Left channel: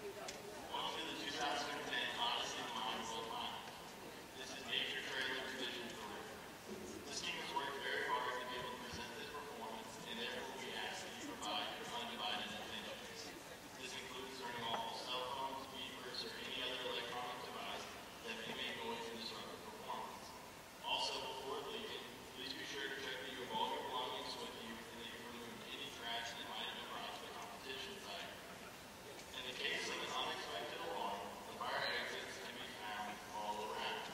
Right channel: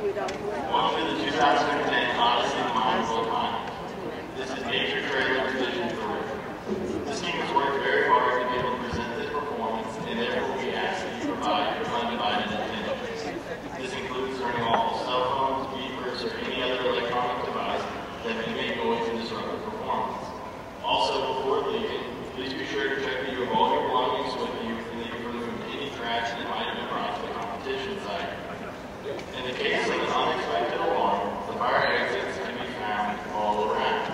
Welcome to the 2010 Odyssey This is Nature Trailer's vision for River. This team has worked very hard to be able to present this performance, and therefore we ask that you provide your undivided attention. This includes turning off cell phones, beepers, or any other electronic device that may make noise and disrupt the performance. Also, before leaving, please be sure to check that you have all your belongings with you and that you've removed any trash that might have been brought to the competition site. In the case of an unexpected alarm, the fire exits can be found all around.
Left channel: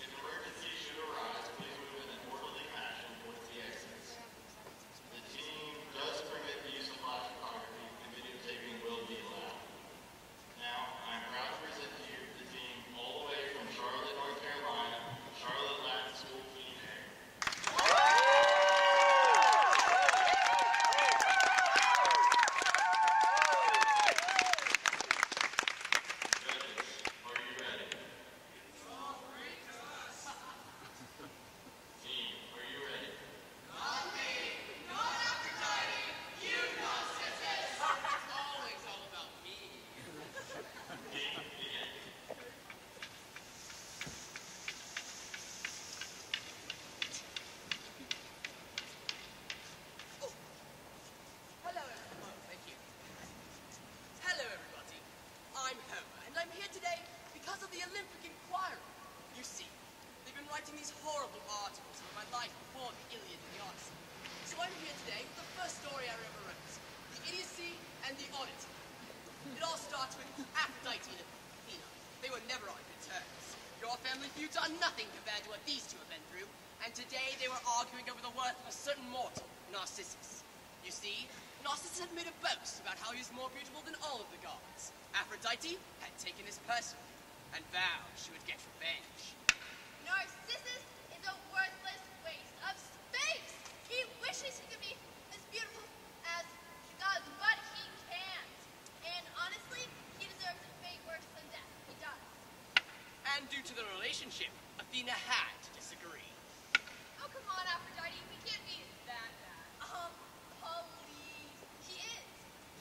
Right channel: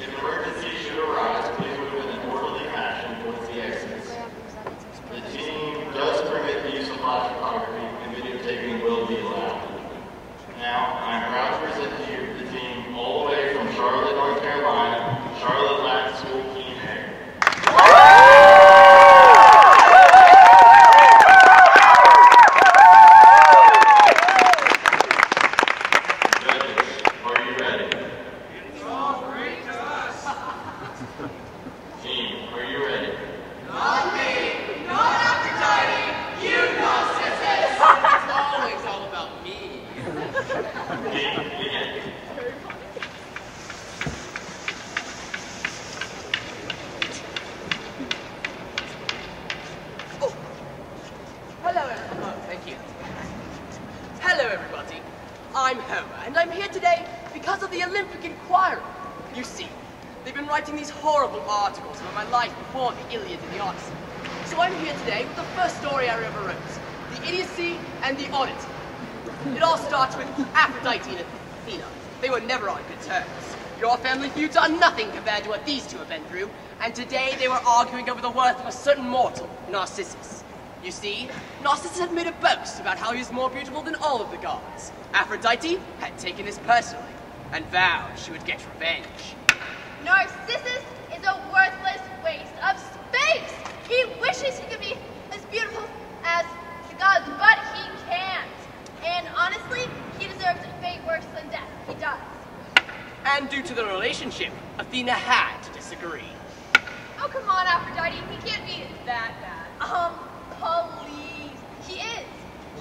If an emergency should arise, please move in an orderly fashion towards the exits. The team does permit the use of flash photography, and videotaping will be allowed. Now, I am proud to present to you the team all the way from Charlotte, North Carolina, Charlotte Latin School Team A. I'm Homer, and I'm here today because of the Olympic Inquiry. You see, they've been writing these horrible articles about my life before the Iliad and the Odyssey. So I'm here today with the first story I ever wrote, the Odyssey and the Odyssey. It all starts with Aphrodite and Athena. They were never on good terms. Your family feuds are nothing compared to what these two have been through, and today they were arguing over the worth of a certain mortal, Narcissus. You see, Narcissus had made a boast about how he was more beautiful than all of the gods. Aphrodite had taken this personally, and vowed she would get revenge. Narcissus is a worthless waste of space! He wishes he could be as beautiful as the gods, but he can't. And honestly, he deserves a fate worse than death. He does. And due to the relationship, Athena had to disagree. Oh, come on, Aphrodite. He can't be that bad. Please. He is.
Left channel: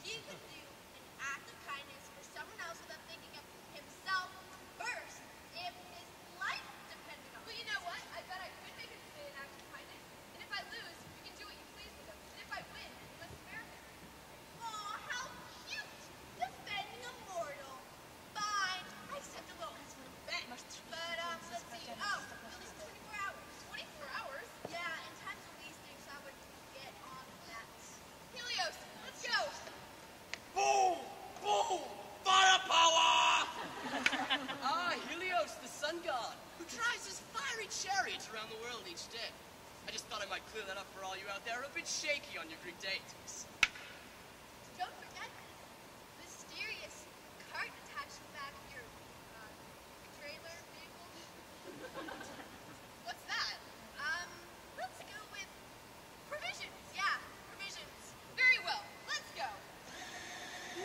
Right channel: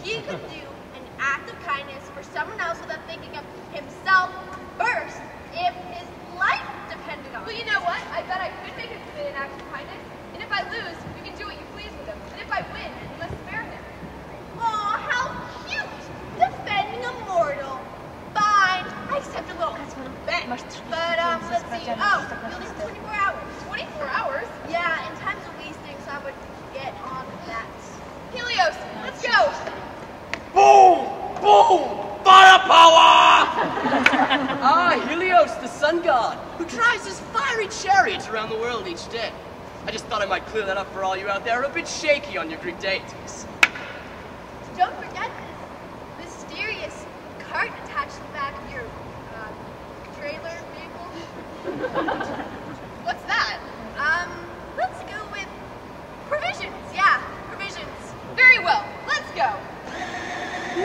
He could do an act of kindness for someone else without thinking of himself first if his life depended on it. But you know what? I bet I could make him commit an act of kindness. And if I lose, you can do what you please with him. And if I win, you must spare him. Aw, how cute! Defending a mortal. Fine. I accept a little bet. But, let's see. Oh, you'll need 24 hours. 24 hours? Yeah, and time's a wasting, so I would get on that. Helios, let's go! Boom! Boom! Firepower! Helios, the sun god, who drives his fiery chariots around the world each day. I just thought I might clear that up for all you out there a bit shaky on your Greek deities. Don't forget this mysterious cart attached to the back of your, trailer vehicle. What's that? Let's go with provisions. Yeah, provisions. Very well, let's go.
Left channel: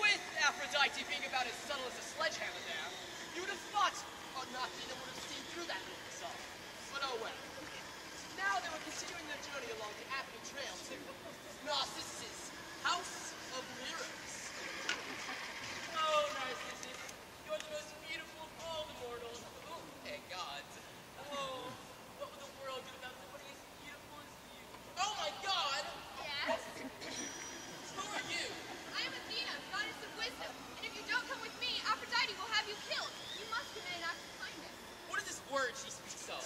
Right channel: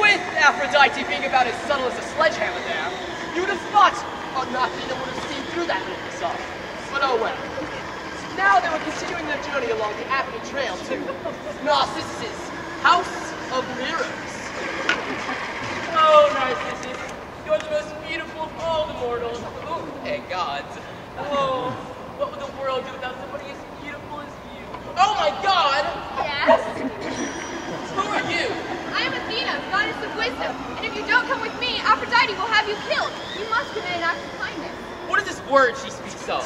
With Aphrodite being about as subtle as a sledgehammer there, you would have thought Athena would have seen through that little facade. But oh well. Now they were continuing their journey along the Appian Trail to Narcissus' House of Mirrors. Oh, Narcissus, you're the most beautiful of all the mortals. Oh, and gods. Oh, what would the world do without somebody as beautiful as you? Oh my God! Yes? Who are you? I am Athena, goddess of wisdom, and if you don't come with me, Aphrodite will have you killed. You must commit an act of kindness. What is this word she speaks of?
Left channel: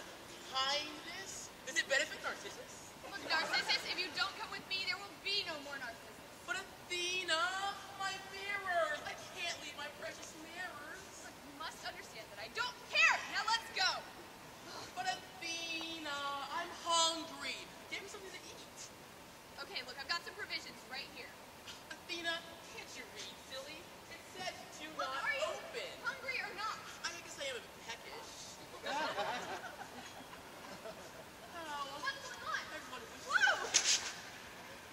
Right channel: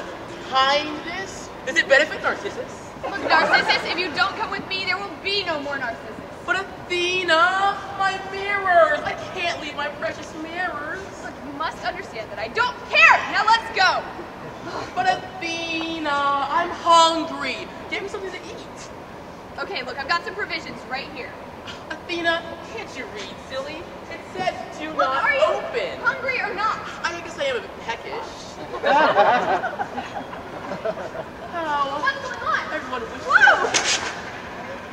Kindness? Does it benefit Narcissus? Look, Narcissus, if you don't come with me, there will be no more Narcissus. But Athena, my mirrors! I can't leave my precious mirrors. Look, you must understand that I don't care. Now let's go. But Athena, I'm hungry. Give me something to eat. Okay, look, I've got some provisions right here. Athena, can't you read, silly? It says do Look, not are you open. hungry or not? I guess I am a bit peckish. Oh, What's going on? everyone wishes. Whoa!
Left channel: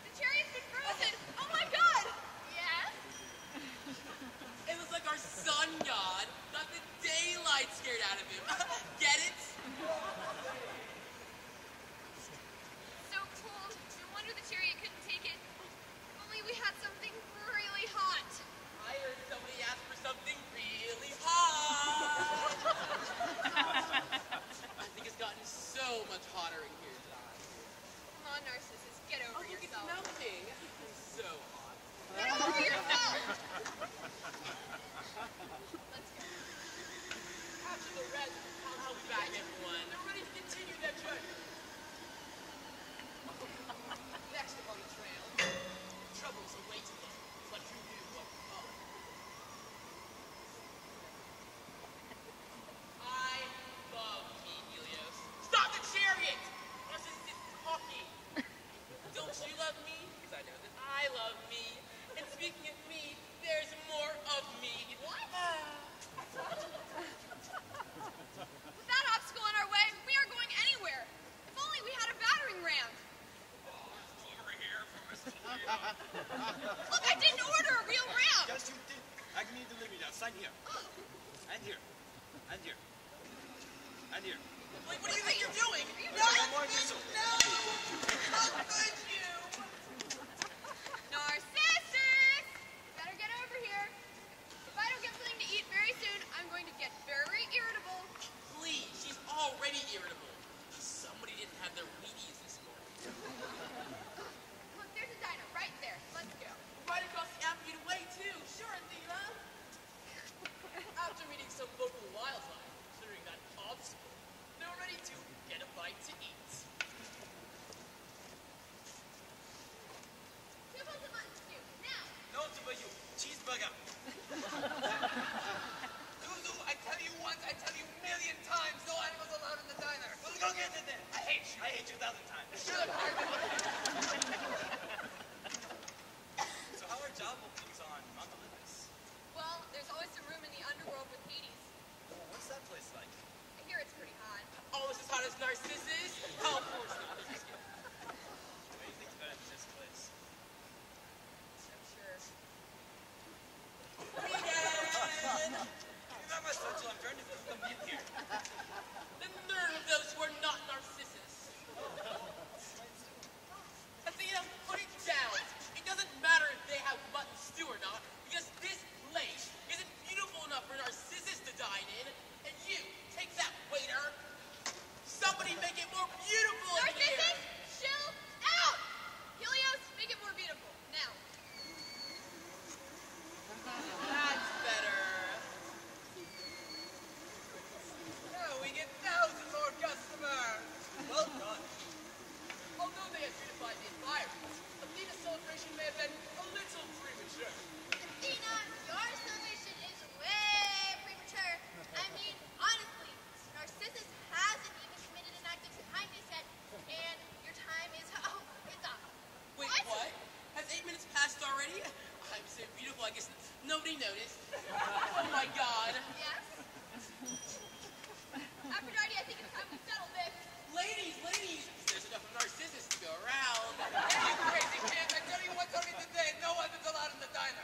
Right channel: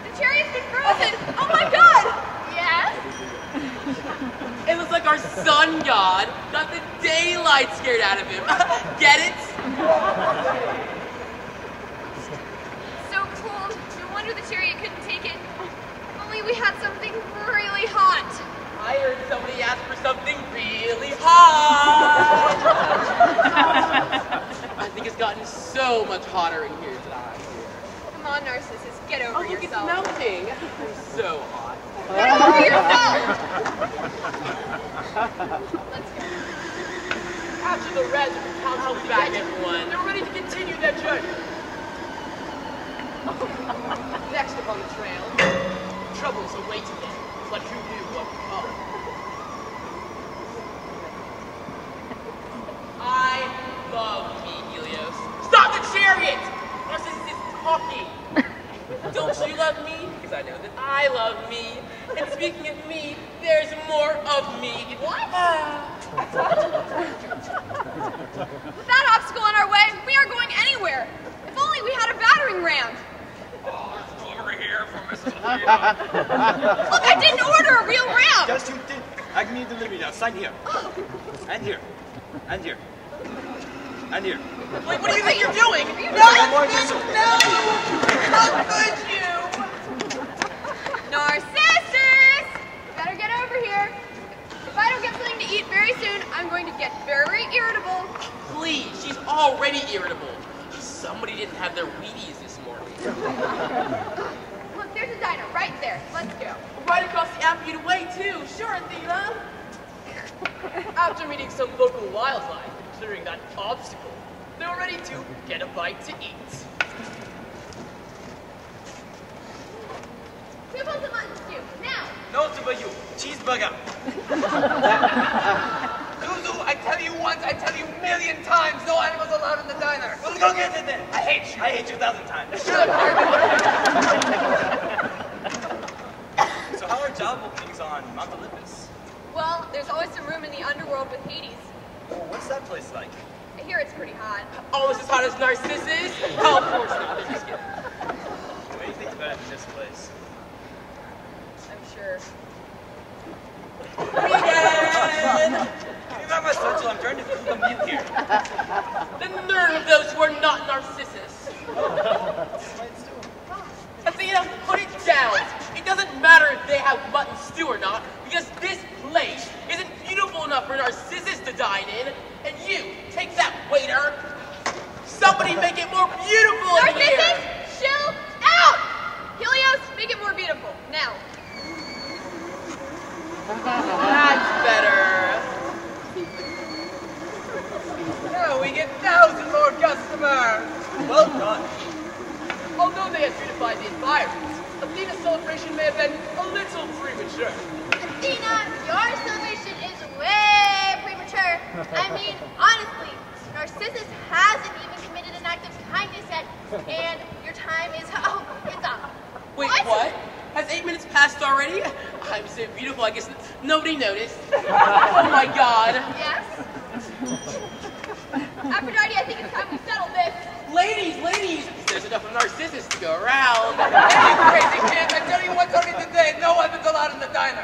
The chariot's been frozen. Oh my God! Yes? It looks like our sun god got the daylight scared out of him. Get it? So cold. No wonder the chariot couldn't take it. If only we had something really hot. I heard someone much hotter in here than I am here. Come on, Narcissus, get over Oh, look, it's yourself. melting. I'm so hot. Get over yourself! Let's go. After the rest, I'll be back, everyone. They're ready to continue their journey. Next up on the trail, troubles awaited them, but who knew what would come? I love me, Helios. Stop the chariot! Narcissus is talking. Don't you love me? Because I know that I love me. And speaking of me, there's more of me. What? With that obstacle in our way, we aren't going anywhere. If only we had a battering ram. Over here for Mrs. Lena. Look, I didn't order a real ram. Yes, you did. I need delivery now. Sign here. And here. And here. And here. Wait, what do you think you're doing? One more whistle. How could you? Narcissus! Better get over here. If I don't get something to eat very soon, I'm going to get very irritable. Please, she's already irritable. Somebody didn't have their Wheaties this morning. Look, there's a diner right there. Let's go. Right across the amphitheater way, too. Sure, Athena. After meeting some local wildlife and clearing that obstacle, they were ready to get a bite to eat. 2 bowls of mutton stew, now. No for you. Cheeseburger. Zuzu, I tell you once, I tell you a million times, no animals allowed in the diner. Well, go get it then. I hate you. I hate you 1,000 times. So how are job openings on Mount Olympus? Well, there's always some room in the underworld with Hades. Oh, what's that place like? I hear it's pretty hot. Almost as hot as Narcissus? Oh, of course not. They're just kidding. What do you think's better than this place? I'm sure. Vegan! Give me back my satchel. I'm trying to cook a meal here. The nerve of those who are not Narcissus. Athena, put it down. It doesn't matter if they have mutton stew or not, because this place isn't beautiful enough for Narcissus to dine in. And you, take that, waiter. Somebody make it more beautiful in here. Narcissus, chill out! Helios, make it more beautiful, now. That's better. Now we get 1,000 more customers. Well done. Although they had beautified the environment, Athena's celebration may have been a little premature. Athena, your celebration is way premature. I mean, honestly, Narcissus hasn't even committed an act of kindness yet, and your time is, oh, it's up. Wait, what? Has 8 minutes passed already? I'm so beautiful, I guess nobody noticed. Oh my god. Yes? Aphrodite, I think it's time we settle this. Ladies, there's enough of Narcissus to go around. Hey, you crazy kids, I tell you once only today, no one's allowed in the diner.